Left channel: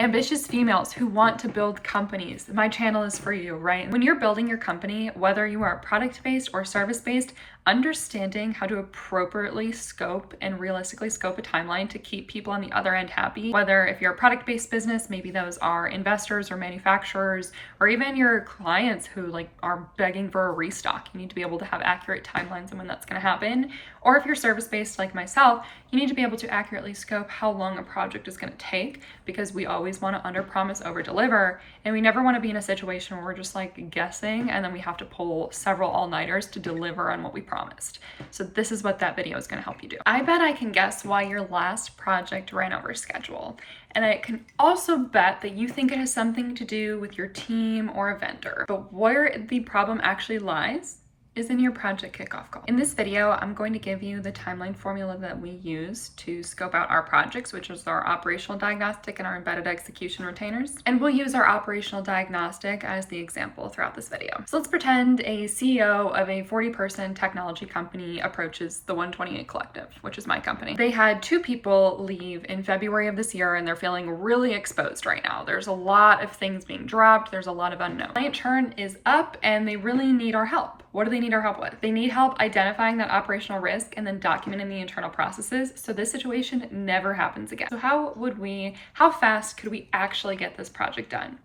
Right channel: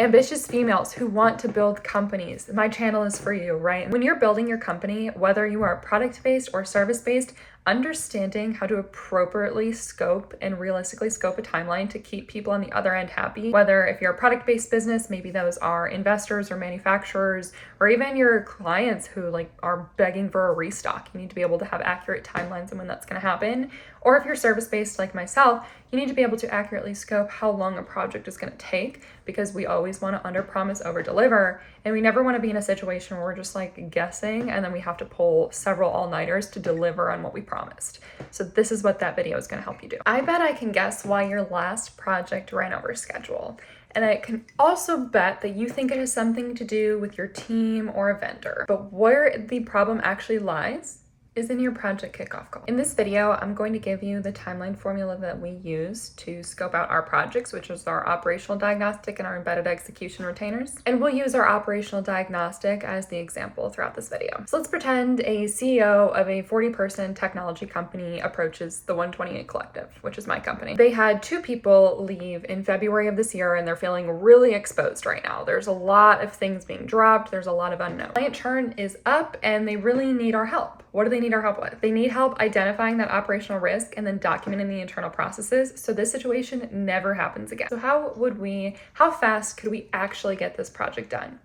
Ambitious females who want to build companies, my channel is for you, right? When you're building your company, whether you are product-based or service-based, understanding how to appropriately scope and realistically scope a timeline to keep people on the other end happy, whether if you're a product-based business, maybe those are investors or manufacturers, or even your clients who are begging for a restock. You need to be able to have accurate timelines on when that's going to happen. Or if you're service-based like myself, you need to be able to accurately scope how long a project is going to take, because we always want to underpromise, overdeliver, and we never want to be in a situation where we're just guessing and then we have to pull several all-nighters to deliver on what we promised. So this is what that video is going to help you do. I bet I can guess why your last project ran over schedule. And I can also bet that you think it has something to do with your team or a vendor. But where the problem actually lies is in your project kickoff call. In this video, I'm going to give you the timeline formula that we use to scope out our projects, which is our operational diagnostic and our embedded execution retainers. And we'll use our operational diagnostic as the example throughout this video. So let's pretend a CEO of a 40-person technology company approaches the 128 Collective, which is my company. They had 2 people leave in February of this year, and they're feeling really exposed right now. There's a lot of things being dropped. There's a lot of unknown. Client churn is up, and they really need our help. What do they need our help with? They need help identifying that operational risk and then documenting the internal processes so this situation never happens again. So how fast could we actually get this project done?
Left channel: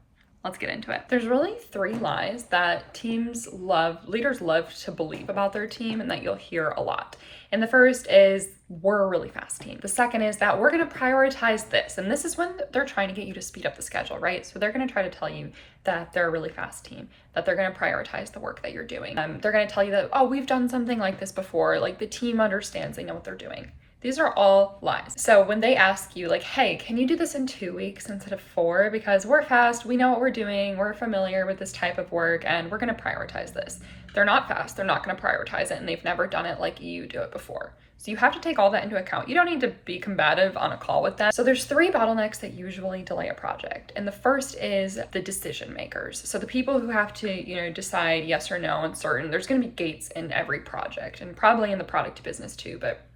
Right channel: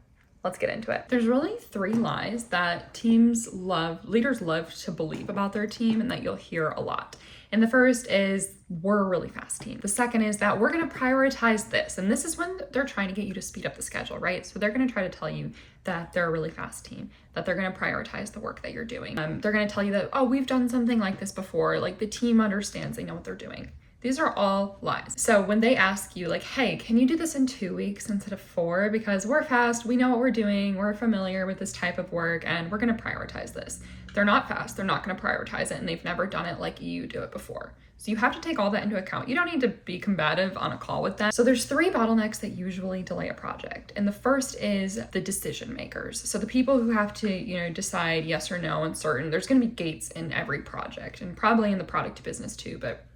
Let's get into it. There's really 3 lies that leaders love to believe about their team and that you'll hear a lot. And the first is, we're a really fast team. The second is that we're gonna prioritize this. And this is when they're trying to get you to speed up the schedule, right? So they're gonna try to tell you that they're a really fast team, that they're gonna prioritize the work that you're doing. They're gonna tell you that, oh, we've done something like this before. The team understands, they know what they're doing. These are all lies. So when they ask you hey, can you do this in 2 weeks instead of 4? Because we're fast, we know what we're doing, we're familiar with this type of work, and we're gonna prioritize this. They're not fast, they're not gonna prioritize it, and they've never done it like you do it before. So you have to take all that into account. You don't need to be combative on a call with them. So there's 3 bottlenecks that usually delay a project. And the first is the decision makers. So the people who have to, decide yes or no on certain, there's gonna be gates in every project, and probably in the product business too, but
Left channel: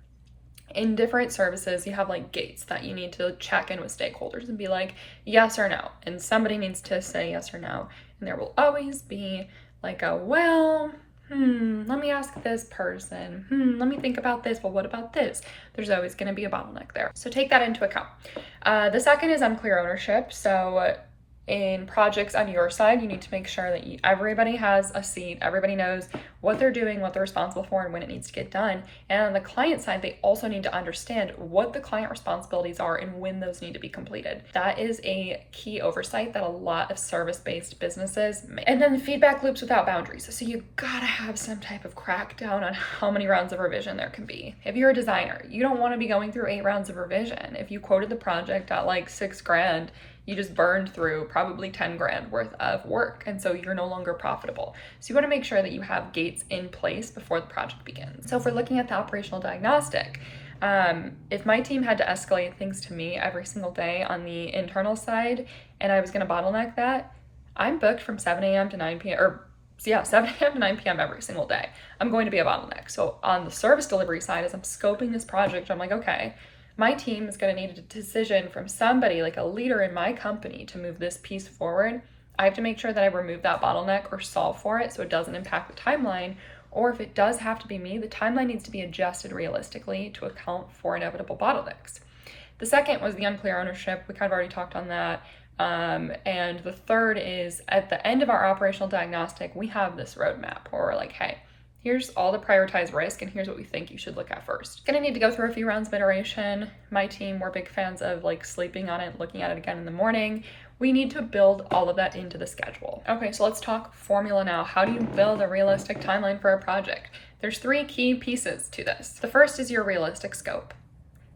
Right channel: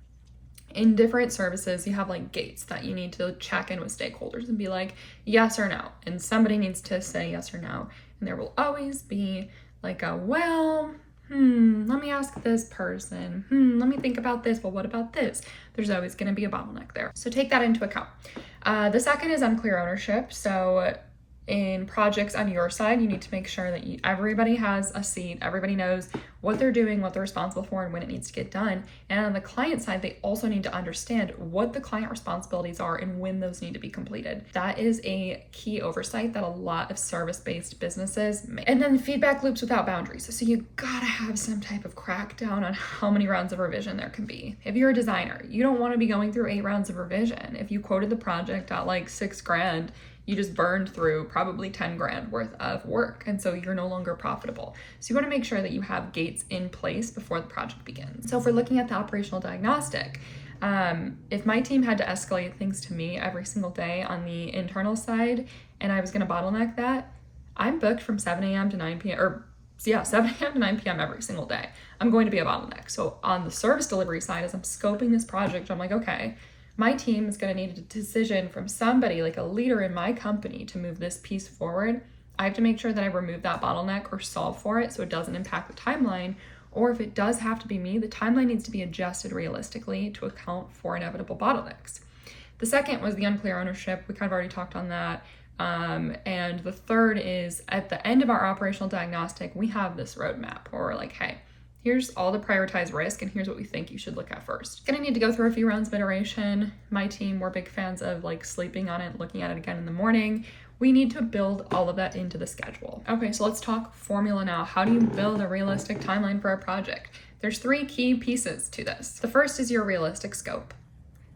in different services, you have gates that you need to check in with stakeholders and be yes or no. And somebody needs to say yes or no. And there will always be let me ask this person. Let me think about this. Well, what about this? There's always going to be a bottleneck there. So take that into account. The second is unclear ownership. So in projects on your side, you need to make sure that everybody has a seat, everybody knows what they're doing, what they're responsible for, and when it needs to get done. And on the client side, they also need to understand what the client responsibilities are and when those need to be completed. That is a key oversight that a lot of service-based businesses make. And then feedback loops without boundaries. So you gotta have some type of crackdown on how many rounds of revision there can be. If you're a designer, you don't want to be going through 8 rounds of revision. If you quoted the project at $6,000, you just burned through probably 10 grand worth of work. And so you're no longer profitable. So you want to make sure that you have gates in place before the project begins. So if we're looking at the operational diagnostic, if my team had to escalate things to me every single day on the internal side, and I was going to bottleneck that, I'm booked from 7 a.m. to 9 p.m. 7 a.m. to 9 p.m. every single day. I'm going to be a bottleneck. So on the service delivery side, as I'm scoping this project, I'm okay, my team is going to need a decision from somebody, a leader in my company, to move this piece forward. I have to make sure that I remove that bottleneck or solve for it so it doesn't impact the timeline. Or if it does have to be me, the timeline needs to be adjusted realistically to account for inevitable bottlenecks. The second was the unclear ownership. We kind of already talked on that. And the third is, at the end of our operational diagnostic, we have this roadmap where we're hey, here's all the prioritized risk, and here's what we think you should look at first. Gonna need to go through a few rounds of iteration. My team, we're big fans of sleeping on it, looking at it again in the morning. We need to build all of that into the schedule. Okay, so let's talk formula now. How do you build a realistic timeline for a project? There's 3 key pieces to this. The first is your realistic scope.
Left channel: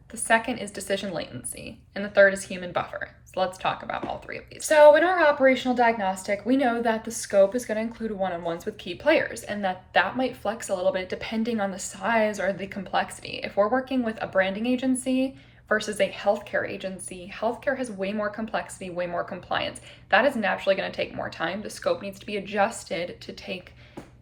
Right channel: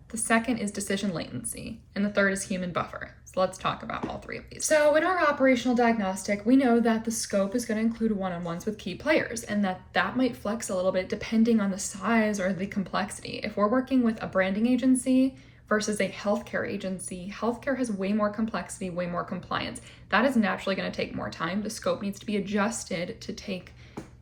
The second is decision latency, and the third is human buffer. So let's talk about all 3 of these. So in our operational diagnostic, we know that the scope is going to include one-on-ones with key players, and that might flex a little bit depending on the size or the complexity. If we're working with a branding agency versus a healthcare agency, healthcare has way more complexity, way more compliance. That is naturally going to take more time. The scope needs to be adjusted to take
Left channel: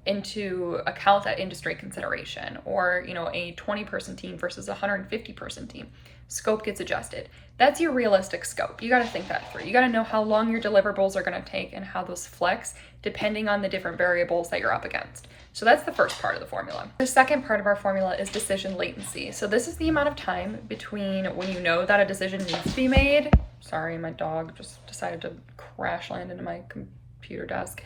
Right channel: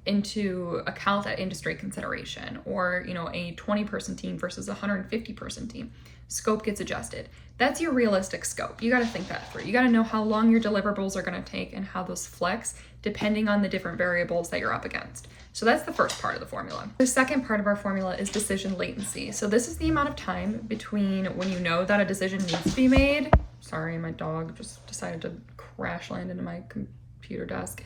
into account that industry consideration, or a 20-person team versus a 150-person team. Scope gets adjusted. That's your realistic scope. You got to think that through. You got to know how long your deliverables are going to take and how those flex depending on the different variables that you're up against. So that's the first part of the formula. The second part of our formula is decision latency. So this is the amount of time between when you know that a decision needs to be made. Sorry, my dog just decided to crash land into my computer desk.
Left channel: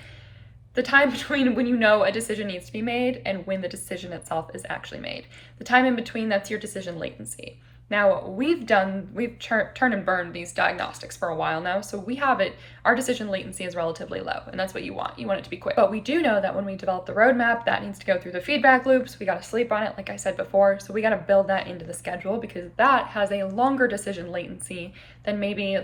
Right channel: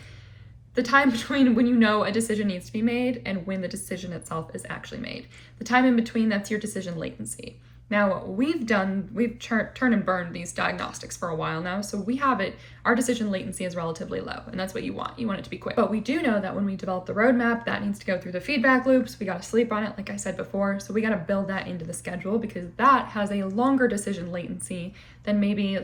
The time between when you know a decision needs to be made and when the decision itself is actually made. The time in between, that's your decision latency. Now, we've turned and burned these diagnostics for a while now, so we have it, our decision latency is relatively low, and that's what you want. You want it to be quick. But we do know that when we develop the roadmap, that needs to go through the feedback loops. We got to sleep on it, like I said before, so we got to build that into the schedule because that has a longer decision latency than maybe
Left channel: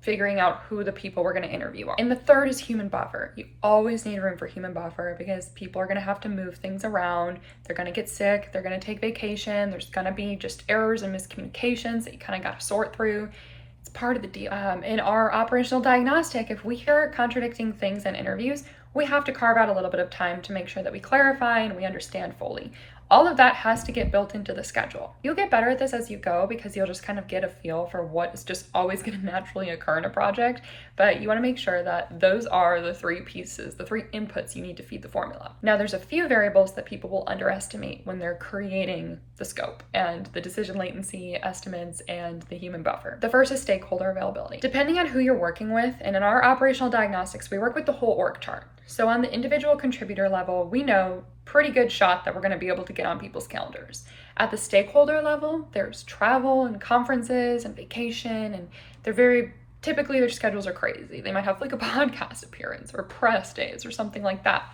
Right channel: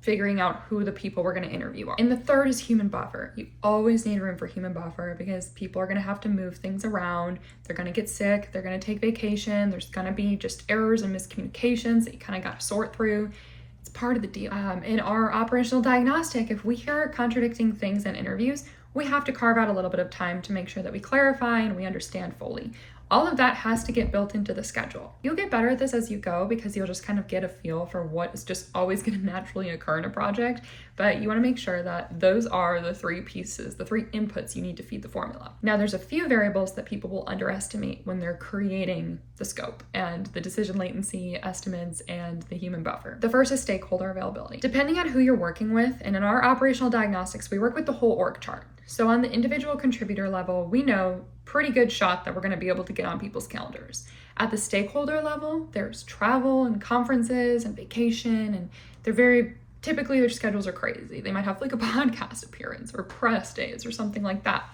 figuring out who the people we're going to interview are. And the third is human buffer. You always need room for human buffer because people are going to have to move things around. They're going to get sick. They're going to take vacation. There's going to be just errors and miscommunications that you kind of got to sort through. It's part of the deal. In our operational diagnostic, if we hear contradicting things in interviews, we have to carve out a little bit of time to make sure that we clarify and we understand fully. All of that has to get built into the schedule. You'll get better at this as you go because you'll just kind of get a feel for what is just always going to naturally occur in a project, but you want to make sure that those are the three pieces, the three inputs you need to feed the formula. Now, there's a few variables that people will underestimate when they're creating the scope and the decision latency estimates and the human buffer. The first is stakeholder availability. Depending on who you're working with, and in our operational diagnostics, we work with the whole org chart. So on the individual contributor level, we know pretty good shot that we're going to be able to get on people's calendars. At the stakeholder level, there's travel and conferences and vacation, and typically their schedules are crazy. They might have like a podcast appearance or press days or something like that.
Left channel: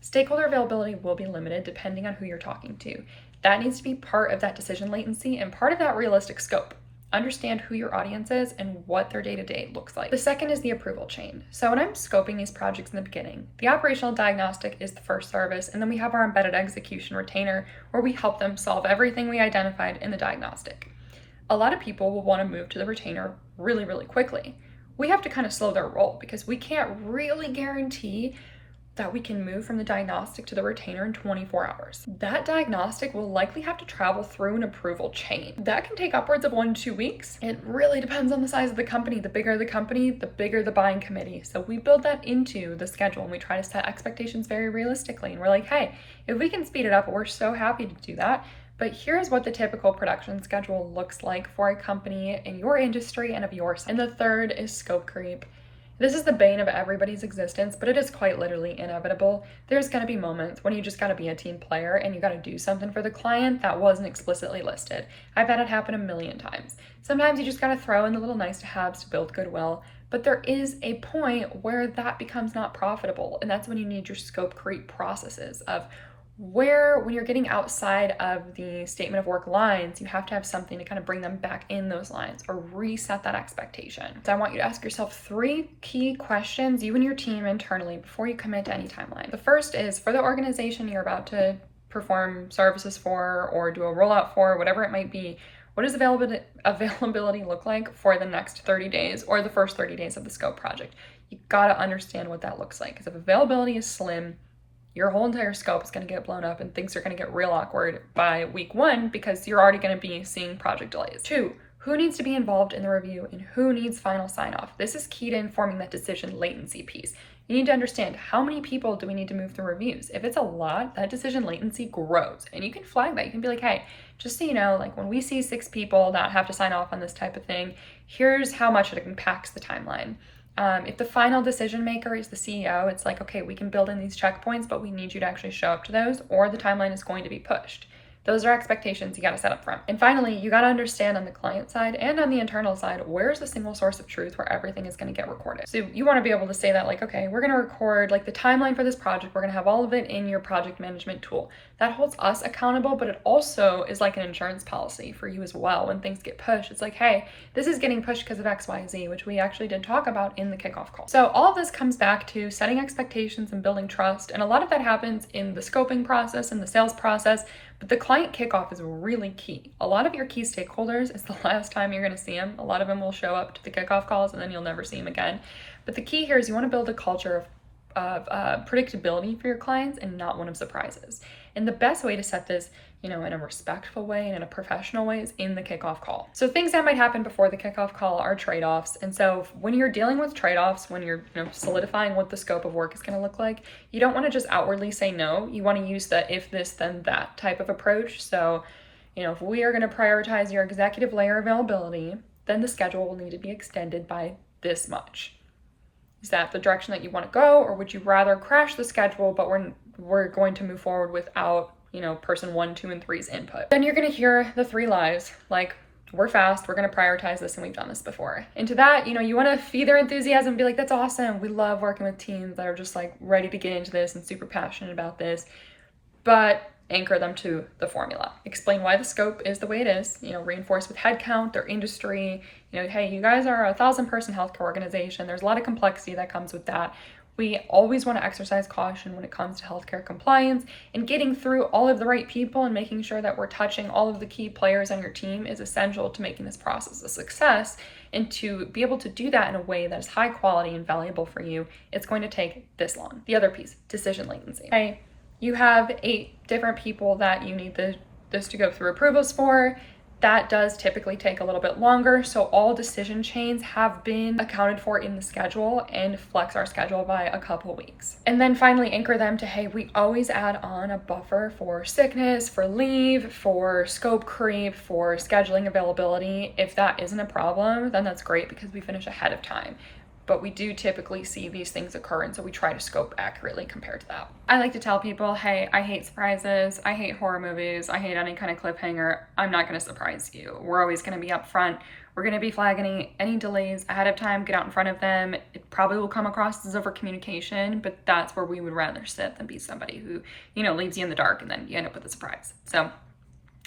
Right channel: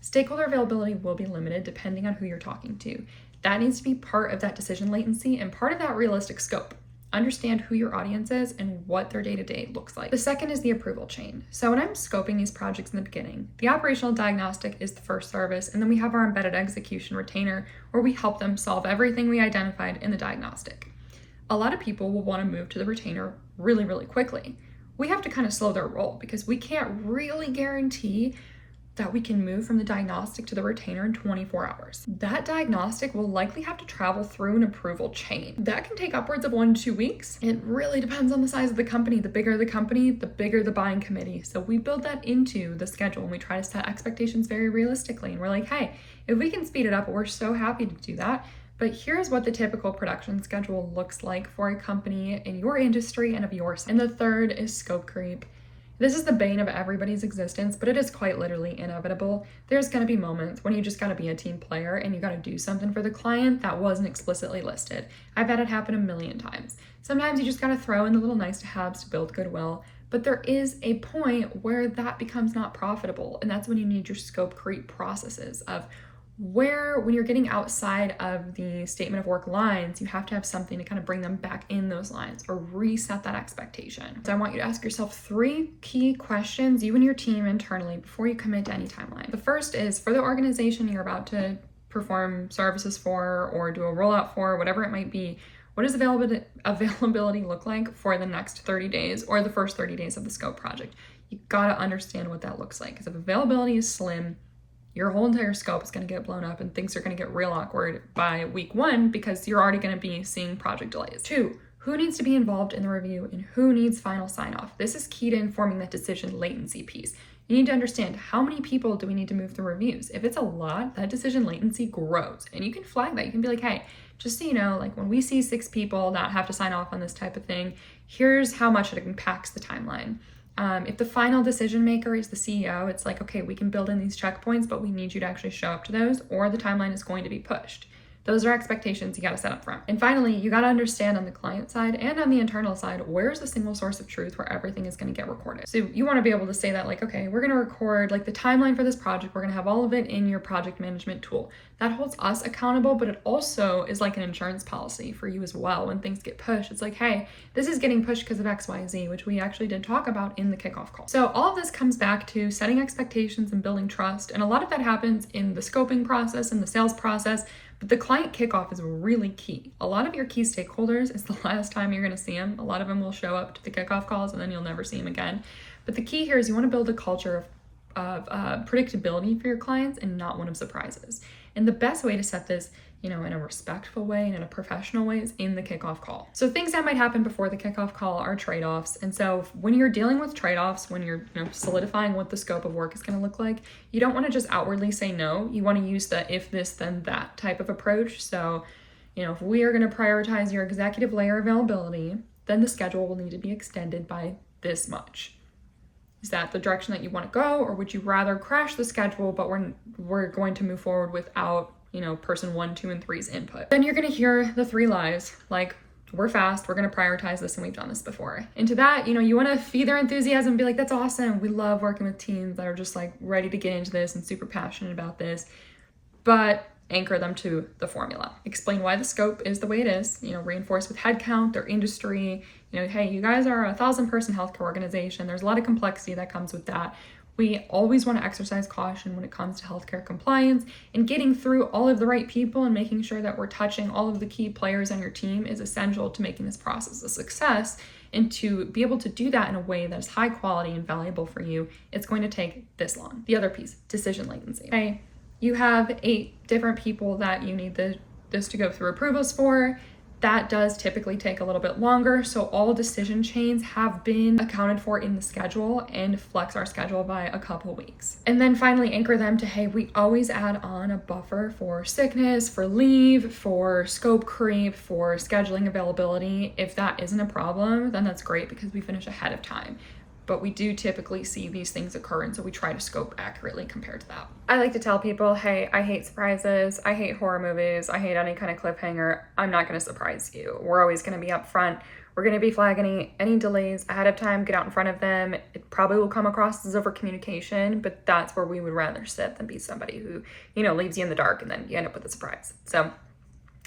Stakeholder availability will be limited depending on who you're talking to. That needs to be part of that decision latency and part of that realistic scope. Understand who your audience is and what their day-to-day looks like. The second is the approval chain. So when I'm scoping these projects in the beginning, the operational diagnostic is the first service, and then we have our embedded execution retainer where we help them solve everything we identified in the diagnostic. A lot of people will want to move to the retainer really, really quickly. We have to kind of slow their roll because we can't really guarantee that we can move from the diagnostic to the retainer in 24 hours. That diagnostic will likely have to travel through an approval chain. That can take upwards of 1 to 2 weeks. It really depends on the size of the company. The bigger the company, the bigger the buying committee. So we build that into the schedule and we try to set expectations very realistically. And we're like, hey, if we can speed it up, we're so happy to do that. But here's what the typical production schedule looks like for a company in your industry and of yours. And the third is scope creep. This is the bane of everybody's existence, but it is quite literally inevitable. There's going to be moments when you just got to be a team player and you got to do something for the client that wasn't explicitly listed. I've had it happen a million times. Sometimes you just got to throw in the little nice to haves to build goodwill, but there is a point where that becomes not profitable, and that's when you need your scope creep processes of when you're getting outside of the statement of work lines, you have to have something to kind of bring them back in those lines or reset that expectation. So I want you to ask yourself 3 key questions, you and your team internally, before you commit to any timeline. The first is for the organization you're about to perform services for or do a rollout for, whatever it might be, what does availability look like for the next 30 days or the first 30 days of the scope project? You gotta understand what that looks like, because if availability is slim, your whole entire scope is going to get blown up and things are going to get real awkward by week 1 because you're already going to be seeing project delays. 2, who needs to be involved in the review and who needs final sign-off? This is key to informing that decision latency piece. You need to understand how many people do we need to move through reviews. If it's a lot, that decision latency grows, and you can flag that. You can be like, hey, just so you know, like when we see 6 people that have to sign off on this type of thing, here's how much it impacts the timeline. If the final decision maker is the CEO, it's like, okay, we can build in these checkpoints, but we need you to actually show up to those or the timeline is going to be pushed. Those are expectations you got to set up front. And finally, you got to understand on the client side and on the internal side, where's the single source of truth where everything is going to get recorded. So you want to be able to say that like, okay, we're going to record like the timeline for this project. We're going to have all of it in your project management tool. That holds us accountable, but it also is like an insurance policy for you as well. When things get pushed, it's like, hey, this is getting pushed because of X, Y, Z, which we actually did talk about in the kickoff call. So all of this comes back to setting expectations and building trust. And a lot of that happens in the scoping process and the sales process. But the client kickoff is really key. A lot of your key stakeholders is the last time you're going to see them. A lot of them will show up to the kickoff calls and then you'll never see them again. But the key here is you want to build a culture predictability for your clients and not one of surprises. And the best way to set this, in a respectful way and in a professional way is in the kickoff call. So things that might happen before the kickoff call are trade-offs. And so when you're dealing with trade-offs, when you're solidifying what the scope of work is going to look like, you don't want to just outwardly say no. You want to use the if this, then that type of approach. So, if we are going to prioritize your executive layer availability, then the schedule will need to be extended by this much. Is that the direction that you want to go, or would you rather crash the schedule, but we're going to move forward without, person 1, 2, and 3's input? Then you're going to hear the 3 lies, like, we're fast, we're going to prioritize this, and we've done this before. And to that, you want to feed their enthusiasm and be like, that's awesome. We love working with teams that are just like ready to get into this and super passionate about this. But anchor them to the formula. Explain why the scope is the way it is, reinforce with headcount, their industry, hey, you guys are a 1,000-person healthcare organization. There's a lot of complexity that comes with that. We always want to exercise caution when it comes to healthcare compliance, and getting through all of the right people and making sure that we're touching all of the key players on your team is essential to making this process a success. And to be able to do that in a way that is high quality and valuable for you, it's going to take this long. The other piece, decision latency. Hey, you have 8 different people that you need this to go through approvals for. That does typically take a little bit longer. So all decision chains have been accounted for in the schedule and flex our schedule by a couple weeks. And then finally anchor them to, hey, we always add on a buffer for sickness, for leave, for scope creep, for scheduling availability. If that isn't a problem, then that's great because we finish ahead of time. But we do typically see these things occur, and so we try to scope accurately compared to that. I like to tell people, hey, I hate surprises, I hate horror movies, I hate any kind of cliffhanger. I'm not going to surprise you. We're always going to be upfront. We're going to be flagging any delays ahead of time, get out in front of them. It probably will come across as over communication, but that's where we would rather sit than be somebody who, leaves you in the dark and then you end up with a surprise. So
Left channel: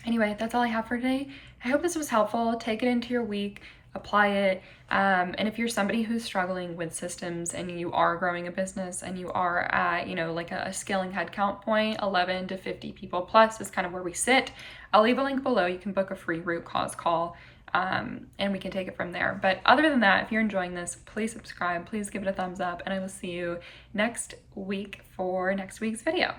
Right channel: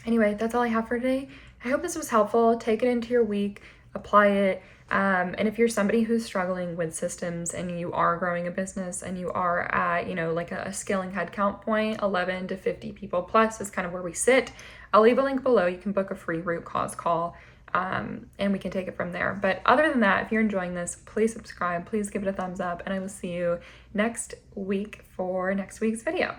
anyway, that's all I have for today. I hope this was helpful. Take it into your week, apply it. And if you're somebody who's struggling with systems and you are growing a business and you are at, like a scaling headcount point, 11 to 50 people plus is kind of where we sit. I'll leave a link below. You can book a free root cause call, and we can take it from there. But other than that, if you're enjoying this, please subscribe, please give it a thumbs up, and I will see you next week for next week's video.